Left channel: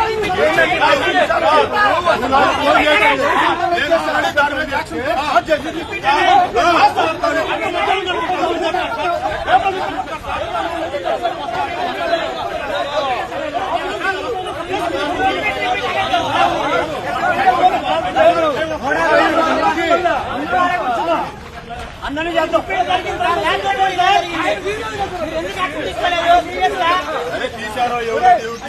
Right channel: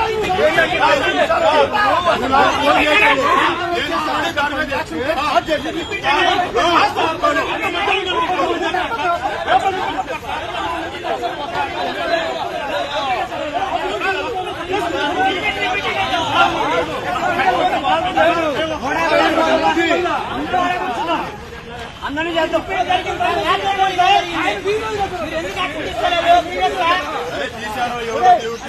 రండి అందరినీ చేద్దాం. మీరు ఎందుకు యాక్షన్ తీసుకోలేదు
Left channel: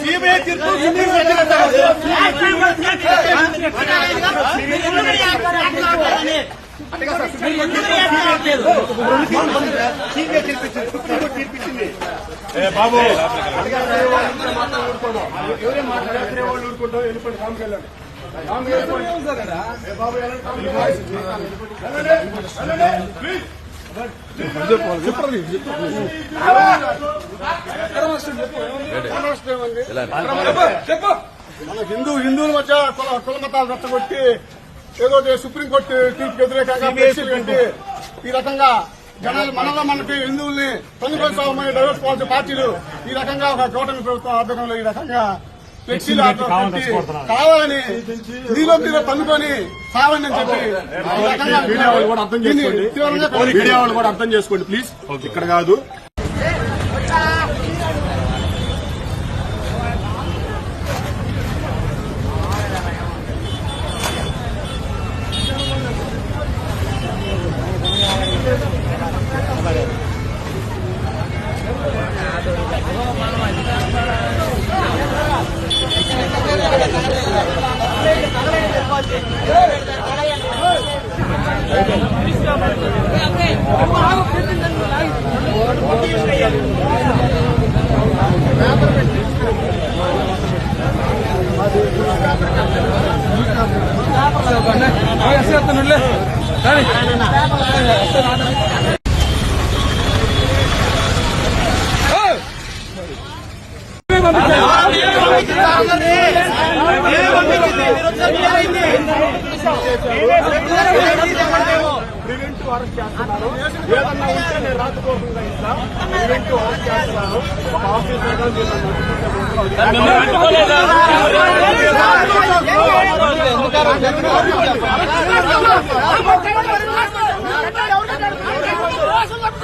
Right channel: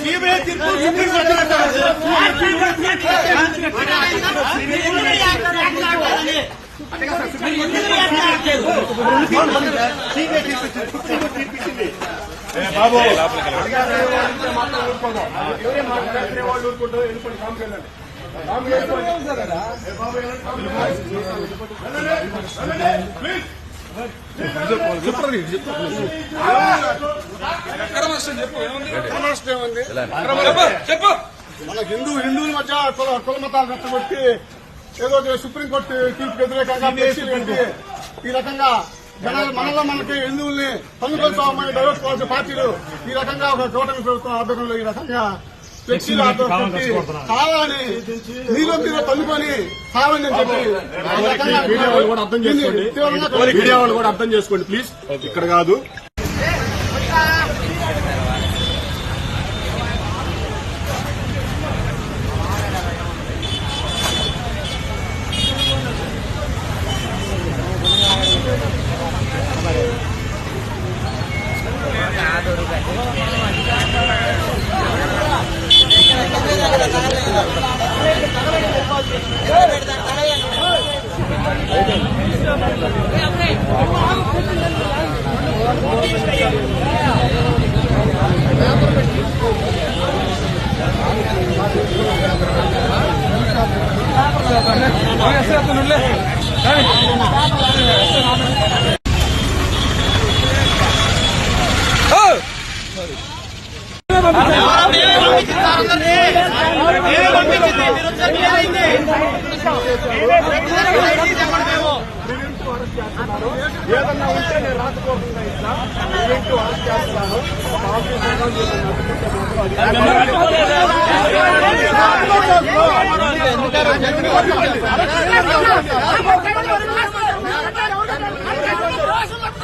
సిబిఐ తీర్పు సుప్రీం మీరు ఎందుకు యాక్షన్ తీసుకోవట్లేదు? తీసుకోవట్లేదు? బాబు మన హిందూ హిందువుల మధ్య కుల కుల మతాలు రెచ్చగొట్టి ఏదో సుప్రీంకోర్టు తీర్పు వ్యతిరేకంగా ఈ రకంగా జనాలు మనలో మనకి హిందువుల్ని తొలగిపోతామని డైవర్ట్ కావాల్సిన పార్టీలు ఈ రకంగా ఒక కూటమి ప్రభుత్వం ఆధ్వర్యంలో ఈ రకంగా ఫ్లెక్సీలు కావాలని నీలో మీద తన్నుకొని కావాలని చెప్పి అర్థం చేసుకోండి. తీవ్రంగా మీడియా వాళ్ళు కూడా అర్థం చేసుకోండి ప్లీజ్ ఇక్కడ కాదు ఏదన్నా ఉంటే నేను రాకపోకుండా ఇట్లా ఈవెంట్ అరెస్ట్ చేస్తాను ఒక ఆఫీసర్గా మీరు నన్ను అడ్డుకుంటే మాత్రం అది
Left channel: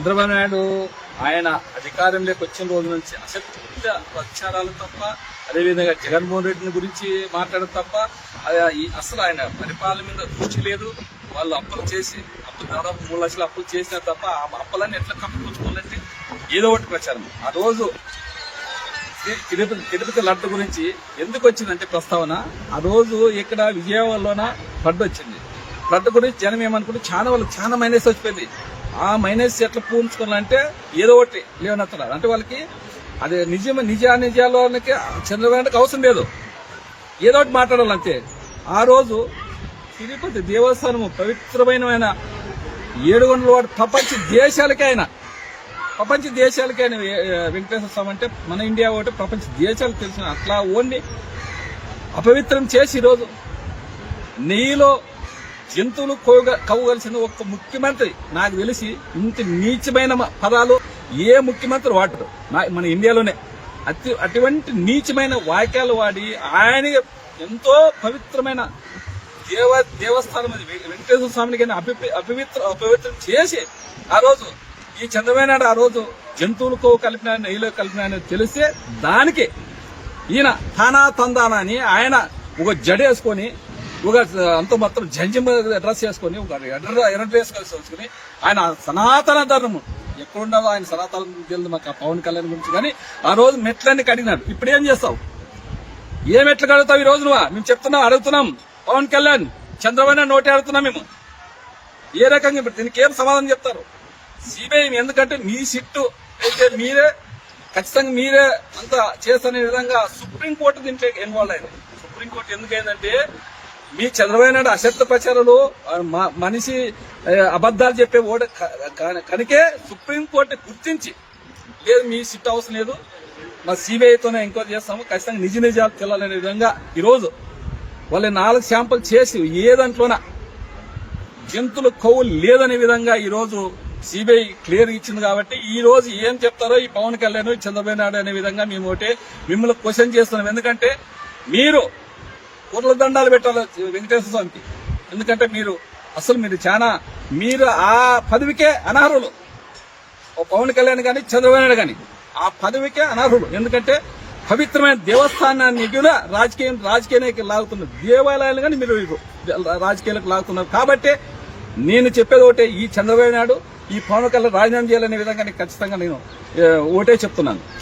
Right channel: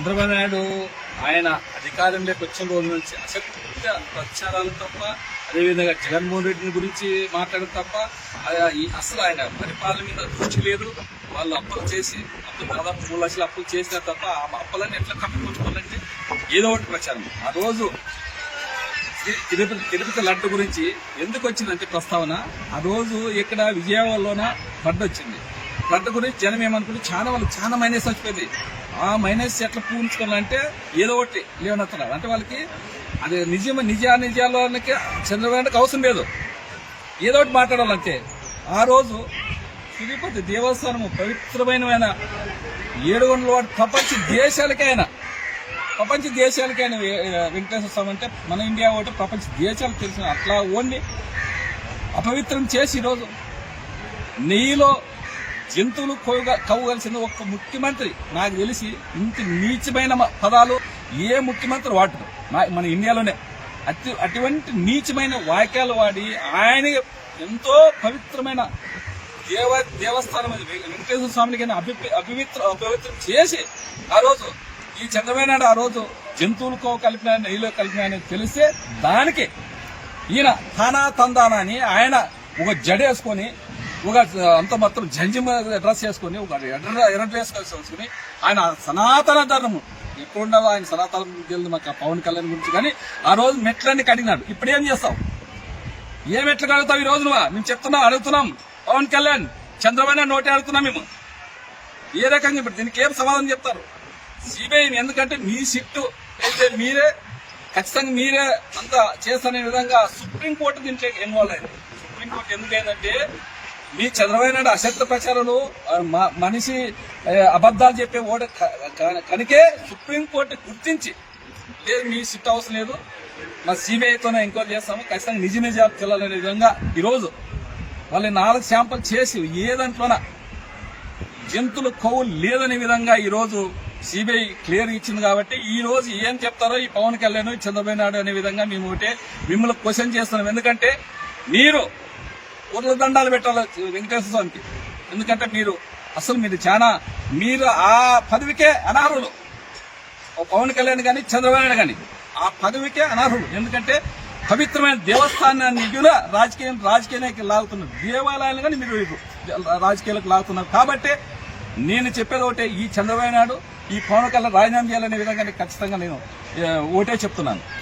చంద్రబాబు నాయుడు ఆయన అధికారంలోకి వచ్చిన రోజు నుంచి అసత్య ప్రచారాలు తప్ప అదేవిధంగా జగన్మోహన్ రెడ్డిని గురించి మాట్లాడడం తప్ప ఈ అసలు ఆయన పరిపాలన మీద దృష్టి లేదు. వాళ్ళు అప్పులు చేసి అప్పులు దాదాపు మూడు లక్షలు అప్పులు చేసినా తప్ప ఆ అప్పులన్నీ ఎట్లా కప్పుకొచ్చుకోవాలంటే ఏదో ఒకటి ప్రచారం. ఆ రోజు తిరుపతి తిరుపతి లడ్డు గురించి ఎందుకు వచ్చిందంటే ప్రస్తావన ఆ రోజు ఇక్కడ విజయవాడలోన ఫ్లడ్ వచ్చింది. ఫ్లడ్ గురించి జనం ఏమనుకుంటే చాలా వాళ్ళు చాలా మైనస్ వచ్చిపోయింది. ఆ మైనస్ ఎట్లా పూర్చుకోవాలంటే ఏదో ఒకటి లేవనెత్తున్నారు అంటే వాళ్ళకి అది నిజం నిజా నిజాలకి చంద్రబాబుకి అవసరం లేదు. ఏదో ఒకటి మాట్లాడాలంతే. ఆ రోజు తిరుపతి దేవస్థానము పవిత్రమైన ఏడుగొండల వాడు ప్రపంచ దేశాలకైనా ప్రపంచ దేశాలకైనా ఆయన వెంకటేశ్వర స్వామి అంటే మన ఇండియా ఒకటి ప్రపంచ దేశాలకు తెలిసిన అట్లా ఓన్లీ అపవిత్రం చేసి ఈరోజు నెయ్యిలో జంతువులు కోగ- కవ్వగలిసిన ఒక్క ముఖ్యమంత్రి నాకు తెలిసి ఇంత నీచమైన మ- పదాలు ఏ ముఖ్యమంత్రి వాడరు. మన ఇండియాలోనే. అతి అటువంటి నీచమైన వాక్యాలు వాడి ఆయన ఎంతో పవిత్రమైన దేవ దేవస్థానం అది. వెంకటేశ్వర స్వామిని కానీ అపి అపవిత్ర అపవిత్రం చేసి ఆ రోజు ఈ చంద్రబాబు ఆ రోజు జంతువులకో కలిపిన నెయ్యిలో కలిపిన తెలిస్తే దానికి ఈయన తానా తందానా అని ఆయన ఒక జడ వేసుకొని ఒక అంత మొత్తం జంజి అడ్రస్ వేసుకొని ఒక ఎర్ర డ్రెస్ వేసుకొని ఆయన సనాతన ధర్మం ఎక్కడ ఆయన సనాతన తెలియదు మాకు ఆ పవన్ కళ్యాణ్ గురించి. కానీ ఆ రోజు మెట్లన్నీ కడిగినాడు. ఇప్పుడు ఏం చేస్తావు? ఏ మెట్లు కడుగుతావు ఈ రోజు నువ్వు? మేము చెప్తున్నాం అడుగుతున్నాం. పవన్ కళ్యాణ్ చంద్రబాబు నోటి నోటే అడుగుతున్నాం మేము. ఏ రకంగా ఇప్పుడు దీనికి ఏం సమాధానం చెప్తారు? సిబిఐ ఎందుకంటే మీ సిట్టు అయితే మీరే ఖచ్చితంగా మీరే అంత చేసనే విధంగా సుప్రీంకోర్టు దీంట్లో ఇన్వాల్వ్ అయింది. సుప్రీంకోర్టు ఎందుకు అయిందంటే మీ చంద్రబాబు నాయుడు అసత్య ప్రచారాలు మనిషి అబద్దాలు చెప్పే ఓడ కనుకే సుప్రీంకోర్టు గుర్తించి లేదు మీ సిట్ అవసరం లేదు మా సిబిఐతోనే ఎంక్వైరీ చేస్తాము ఖచ్చితంగా నిజ నిజాలు తెలాలనే విధంగా ఈరోజు వాళ్ళు నాలుగు శాంపుల్ చేసి ఏ దాంట్లోన జంతువుల కొవ్వు లేదనే విధంగా ఈరోజు సిబిఐ క్లియర్ ఇచ్చింది కాబట్టి ఈ రోజు ఏం చెప్తారో ఈ పవన్ కళ్యాణ్ చంద్రబాబు నాయుడు అనే విధంగా మేము ఒకటే మిమ్మల్ని క్వశ్చన్ చేస్తున్నాం. ఎందుకంటే మీరు ఊర్ల దండాలు పెట్టాలి వెంకటేశ్వర స్వామికి. ఎందుకంటే మీరు అసలు మీరు చాలా మీరు ఆ పదవికే అనర్హులు. ఓ పవన్ కళ్యాణ్ కానీ చంద్రబాబు నాయుడు కానీ ఆ పదవికే అనర్హులు. ఎందుకంటే పవిత్రమైన దేవస్థానాన్ని కూడా రాజకీయం రాజకీయానికి లాగుతున్నారు దేవాలయాలు కానీ మీరు ఇవ్వరు. రాజకీయాలకు లాగుతున్నారు. కాబట్టి నేను చెప్పేది ఒకటే ఈ చంద్రబాబు నాయుడు ఈ పవన్ కళ్యాణ్ రాజీనామా చేయాలనే విధంగా ఖచ్చితంగా నేను ఒకటే చెప్తున్నాను.